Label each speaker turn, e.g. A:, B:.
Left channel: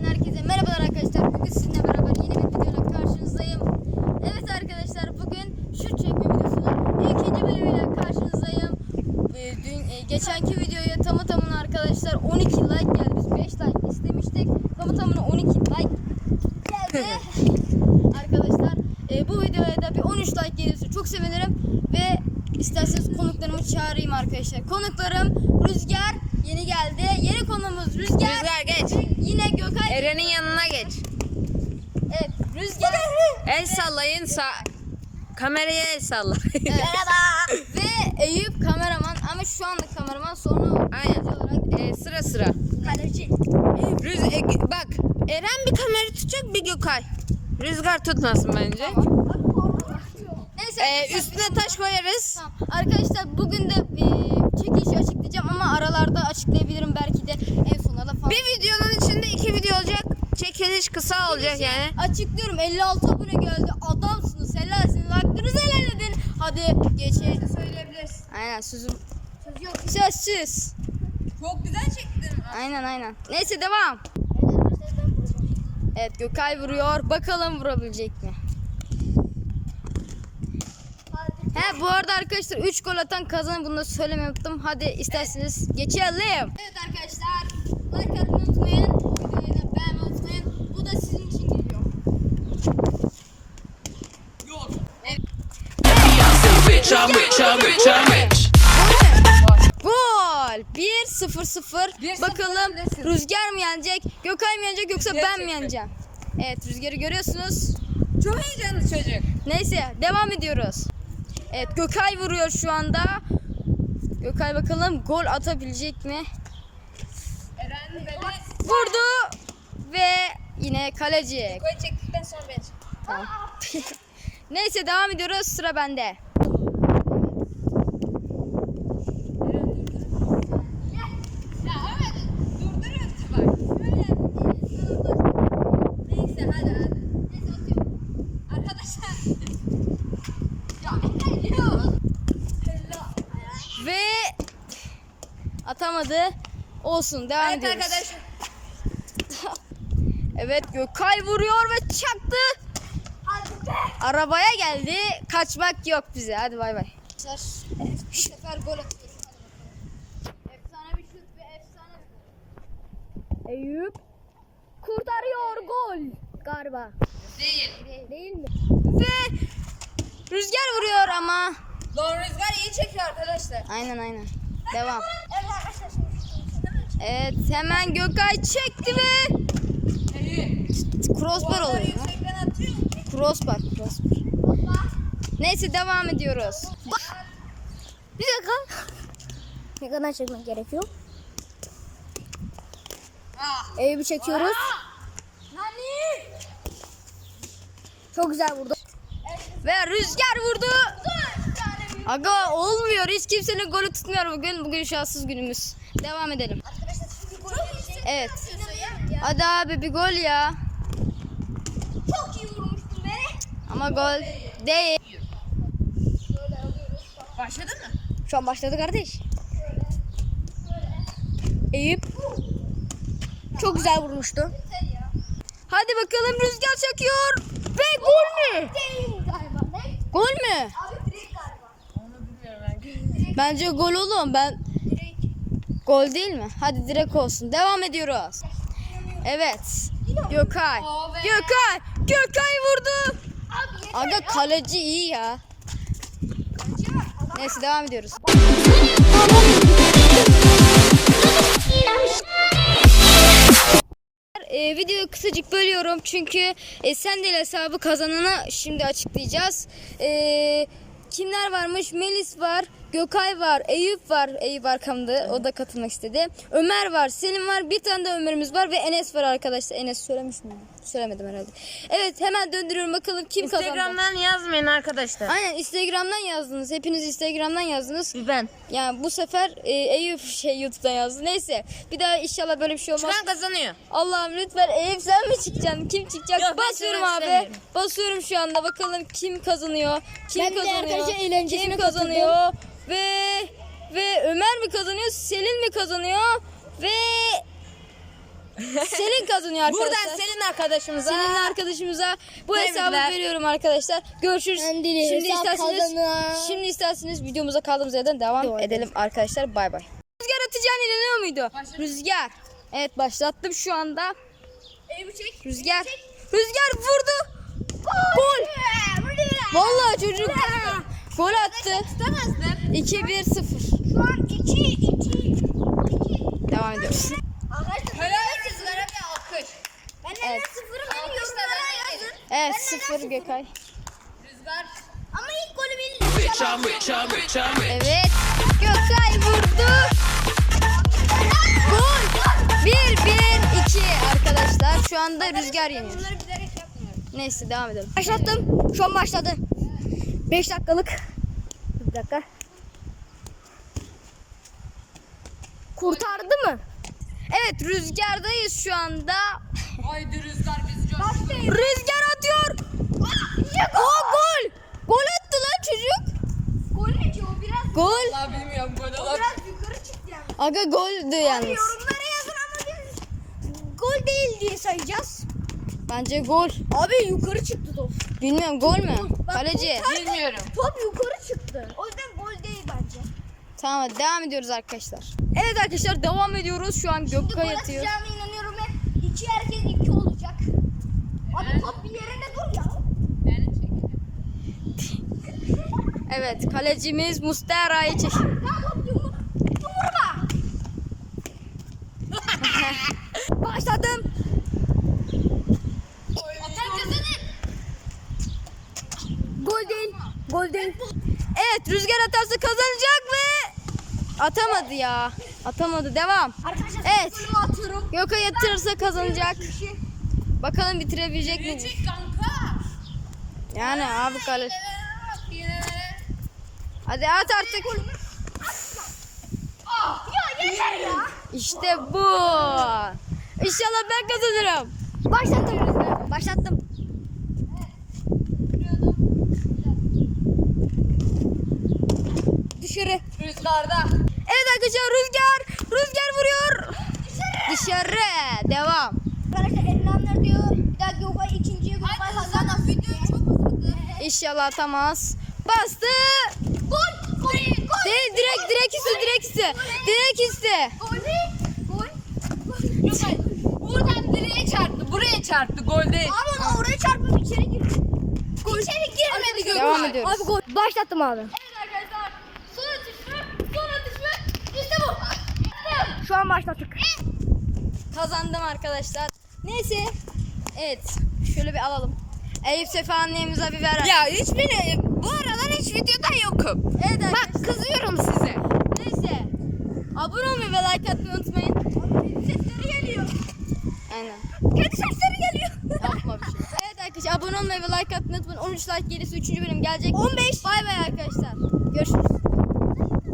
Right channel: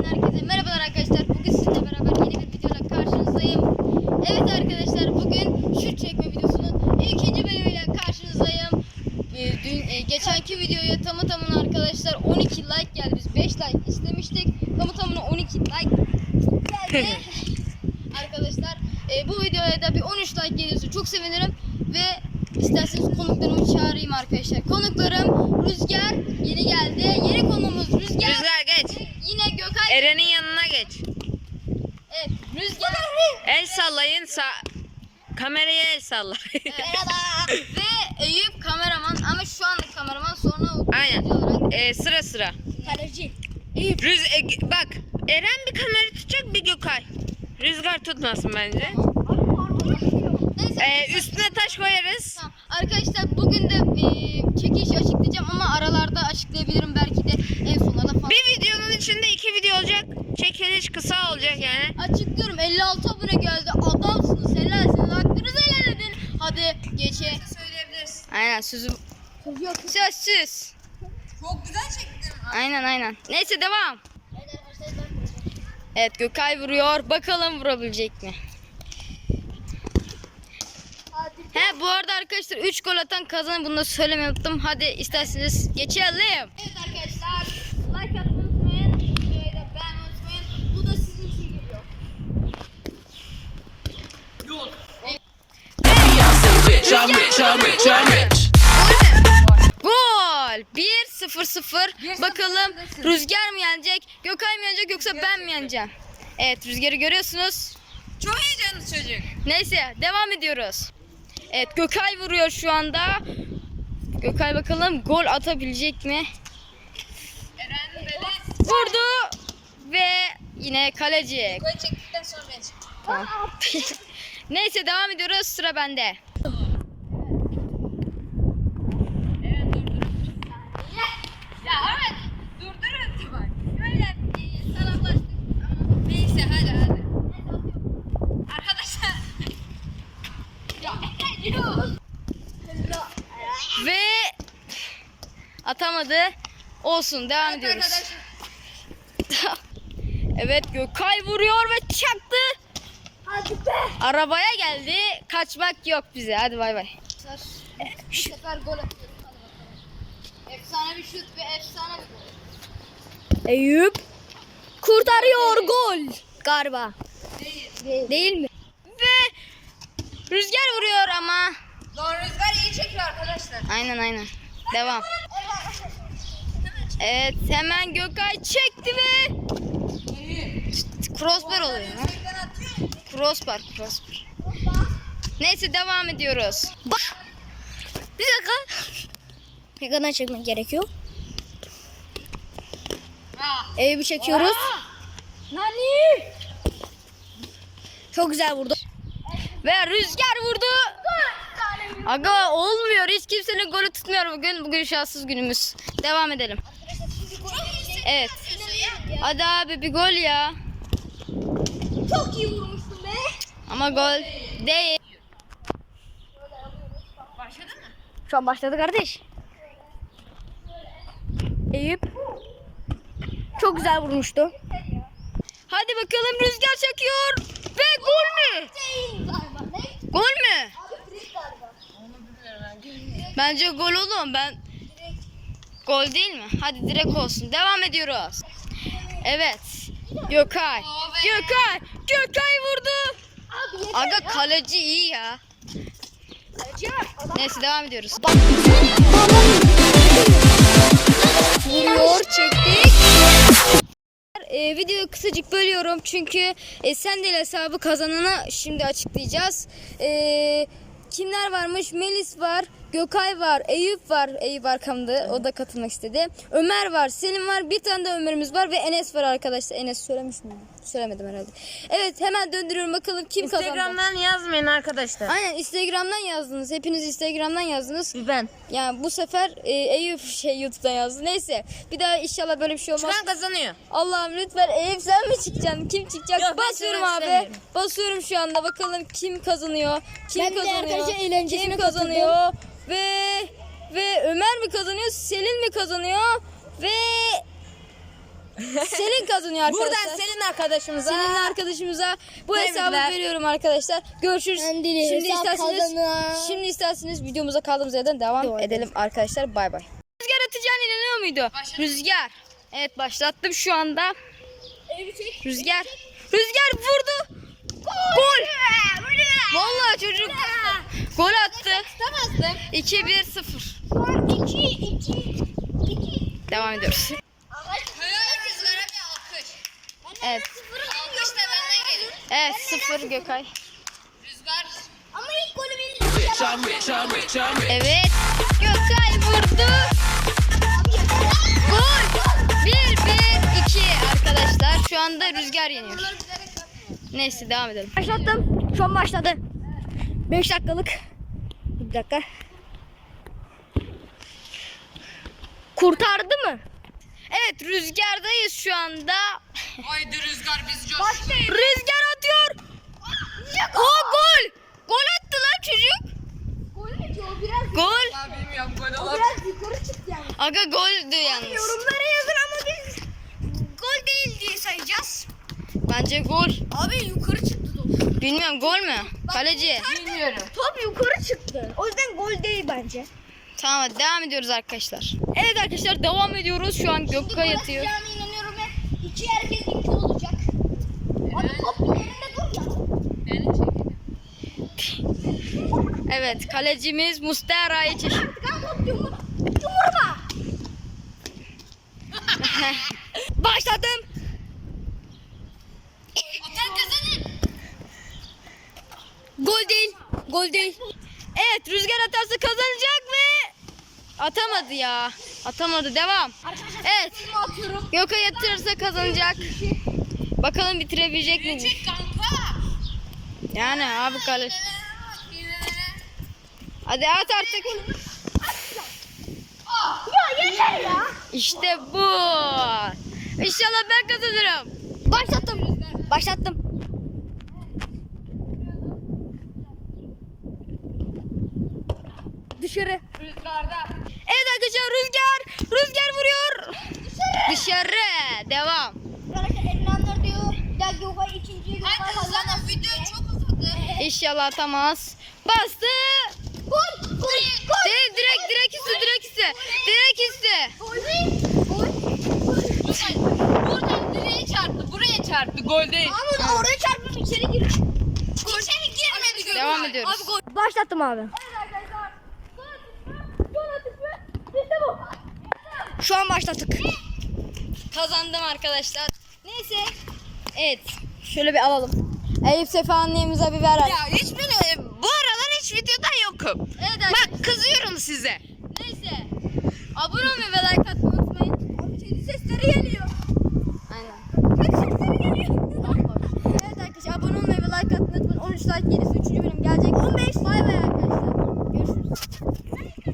A: Herkese merhabalar arkadaşlar. Bugün sizinle beraber yeni bir videoyla karşınızdayım. Evet arkadaşlar, bugün şut çekme videosunun ikinci bölümüyle karşınızdayım. Geçenki videoya tamına arkadaşlar 12 like geldi. Biz 5 like istemiştik. Tamına 12 like geldi. Arkadaşlar bu videoya da bir 13 like gelirse çok sevinirim. Ve isterseniz konuklarımı çağırayım arkadaşlar. Konuklarım Rüzgar yeni geldi. Yeni konuğumuz Rüzgar.
B: Rüzgar geç.
A: Yine Gökay.
B: Eren'in yanına geç.
A: Evet, Rüzgar.
B: El sallayın. Kameraya el salla.
A: Merhaba. Ve Eyüp kameraman ama şu anlık kameraman, sonra
B: Aynen.
A: olarak
B: Sıra sıra.
A: kaleci.
B: Bak Eren bir kamera tutacak, bir Gökay. Rüzgar tutmasın bence.
A: Neyse.
B: Üstüne taş koyarız.
A: Tamam. Arkadaşlar bugün de çekilişi açıklayacağım ama aralarda açıklayabilirim, belki de en sonlarda falan.
B: Bir videonun içinde 2 video olacak. Çekiliş kısa olacak yani.
A: Açıklıyorum, 56 abone geldi. Adamsınız, helalsiniz, hakkınızı helal edin. Hadi geçe.
B: Söyleyebilirsin.
A: Aynen, sözüm. Söz yok. Sözsüz.
B: Çok güzel çektin.
A: Aynen. Neyse devam. Evet, Gökay vuruyor. Bakalım vurabilecek mi? He, bu arada arkadaşlar 3 gol atan kazanır. Bunu da söylemeyi unuttum. Hadi isterseniz geçelim. Evet arkadaşlar, like atmayı unutmayın. Videoyu da beğenmeyi unutmayın. Bu da sizin için geliyor. Gol. 1-0. Bakalım Rüzgar mı yenecek, Gökay mı yenecek, yoksa ben mi yeneceğim? Evet, Rüzgar'ı görüyorsunuz.
B: Çok heyecanlı çocuk.
A: Neyse, devam ediyoruz. Evet, Gökay vuruyor şu anda. Gökay bakalım gol atabilecek mi?
B: Eren beni
A: Vurdu ve yine kaleci.
B: koy çektikten sonra ben çek.
A: Tamam. Neyse, devam ediyoruz. Sıra bende.
B: Ya evet. Durdururuz bak.
A: Böyle salaklaştık.
B: Neyse hadi.
A: Neyse, atıyorum.
B: Arkadaşlar.
A: Ve atamadı. Olsun, devam ediyoruz. Evet, Gökay vuruyor ve çaktı.
B: Hadi be.
A: Arabaya geldi. Kaçmak yok bize. Hadi bay bay.
B: Bu sefer gol atıyoruz. Hadi bakalım.
A: Efsane bir şut ve efsane bir gol. Eyüp kurtarıyor, gol galiba. Değil mi? Ve Rüzgar vuruyor ama.
B: Doğru, Rüzgar iyi çekiyor arkadaşlar.
A: Aynen. Devam. Evet, hemen Gökay çekti ve crossbar oluyor. Ha? Crossbar. Neyse, devam ediyoruz. Bir dakika. Ne kadar çekmek gerekiyor? Eyüp'ü çekiyoruz.
B: Nani?
A: Çok güzel vurdu. Ve Rüzgar vurdu. Aga, olmuyor. Hiç kimsenin golü tutmuyor bugün. Bugün şanssız günümüz. Devam edelim. Evet. Hadi abi, bir gol ya.
B: Çok iyi vurmuştun be.
A: Ama gol değil.
B: Başladın mı?
A: Şu an başladı kardeş. Eyüp çok güzel vurmuştu. Hadi bakalım, Rüzgar çekiyor. Ve gol mü? Gol mü?
B: Onu bilmiyorum.
A: Bence gol oğlum. Gol değil mi? Hadi direkt olsun. Devam ediyoruz. Evet. Gökay vurdu. Aga, kaleci iyi ya. Neyse, devam ediyoruz. Videoyu kısacık bölüyorum çünkü Sendel hesabı kazananı şimdi açıklayacağız. Kimler varmış? Melis var, Gökay var, Eyüp var. Eyüp arkamda, o da katılmak istedi. Ömer var, Selim var, bir tane de Ömer'imiz var ve Enes var arkadaşlar. Enes söylemiş miydim? Söylemedim herhalde. Evet, hemen döndürüyorum bakalım kim kazandı.
B: Instagram'dan yazmayın arkadaşlar.
A: Aynen, Instagram'dan yazdınız. Hepiniz Instagram'dan yazdınız.
B: Ben.
A: Yani bu sefer Eyüp YouTube'dan yazdı. Neyse, bir daha inşallah böyle bir şey olmaz.
B: Çıkan kazanıyor.
A: Allah'ım lütfen, Eyüp sen mi çıkacaksın? Kim çıkacak?
B: Yok, ben
A: Basıyorum
B: söylemek
A: abi.
B: istemiyorum.
A: Basıyorum şu anda. Bakalım kim kazanıyor? Kim
C: Ben de
A: kazanıyor?
C: arkadaşlar eğlencesine
A: Kim kazanıyor? Ve Ömer mi kazanıyor? Selin mi kazanıyor? Ve Selin kazanıyor arkadaşlar.
B: Buradan Selin arkadaşımıza.
A: Senin arkadaşımıza bu
B: Tebrikler.
A: hesabı veriyorum arkadaşlar. Görüşürüz. Şimdi isterseniz videomuza kaldığımız yerden devam edelim arkadaşlar. Bay bay. Rüzgar atacağına inanıyor muydu? Rüzgar. Evet başlattım şu anda. Rüzgar. Rüzgar vurdu. Gol. Vallahi çocuk gol attı. 2-1-0. Devam ediyoruz. Evet. Evet 0 Gökay.
C: Ama ilk golü benim.
A: Evet. Gökay vurdu. Gol. 1-1-2 arkadaşlar. Şu anda Rüzgar yeniyor. Neyse devam edelim.
C: Başlattım. Şu an başladı. 5 dakikalık. Bir dakika. Kurtardı mı?
A: Evet Rüzgar'dayız şu anda.
B: Haydi Rüzgar biz coş.
A: Rüzgar atıyor. O gol. Gol attı lan çocuk.
C: Gol ne diyor? Biraz
A: Gol.
B: Bilmiyorum gol olur.
C: yukarı çıktı yani.
A: Aga goldü yalnız.
C: Yorumlara yazın ama biz gol değil diye sayacağız.
A: Bence gol.
C: Abi yukarı çıktı top.
A: Bilmiyorum gol mü? Kaleci.
B: Bilmiyorum.
C: Top yukarı çıktı. O yüzden gol değil bence.
A: Tamam hadi devam ediyoruz arkadaşlar. Evet arkadaşlar devam ediyoruz. Şu an Gökay atıyor.
C: Atacağına inanıyorum ve iki herkes iki olacak. Abi top bir yerinde dur ya.
A: Evet kalecimiz Mustera'yı çeşit.
C: Ben top yumurma.
A: Başladım. Gol değil. Gol değil. Evet Rüzgar atarsa kazanacak ve atamadı ya. Atamadı. Devam.
C: Arkadaşlar
A: Evet.
C: golümü atıyorum.
A: Gökay atırsa kazanacak. Bakalım bitirebilecek mi? Yani abi kale. Hadi at artık.
C: Ya yeter ya.
A: İşte bu. İnşallah ben kazanırım.
C: Başlattım. Dışarı.
B: Rüzgarda.
A: Evet arkadaşlar Rüzgar vuruyor. Dışarı. Devam.
C: Arkadaşlar Erenler diyor. Bir daha Gökay ikinciye Gökay kazanır. Video çok uzadı.
A: İnşallah atamaz. Bastı.
C: Gol.
A: Değil direkt üstü.
B: Buradan direğe çarptı. Buraya çarptı. Gol değil.
C: Ama oraya çarpıp içeri girdi. İçeri girmedi Gökay.
A: Devam ediyoruz.
C: Abi gol. Başlattım abi.
A: Evet arkadaşlar. Son atış mı?
C: İşte bu. Şu an başlattık.
A: Kazandım arkadaşlar. Neyse. Evet. Şöyle bir alalım. Eyüp Sefa annemize bir ver.
B: Ya bu aralar hiç videoda yokum.
A: Evet arkadaşlar.
B: Bak kızıyorum size.
A: Neyse. Abone olmayı ve like atmayı unutmayın.
C: Sesleri geliyor.
A: Aynen.
C: Kendi sesleri geliyor.
A: Yapma bir şey. Evet arkadaşlar abone olmayı ve like atmayı unutmayın. 13 like gerisi 3. bölüm gelecek. 15. Bay bay arkadaşlar. Görüşürüz.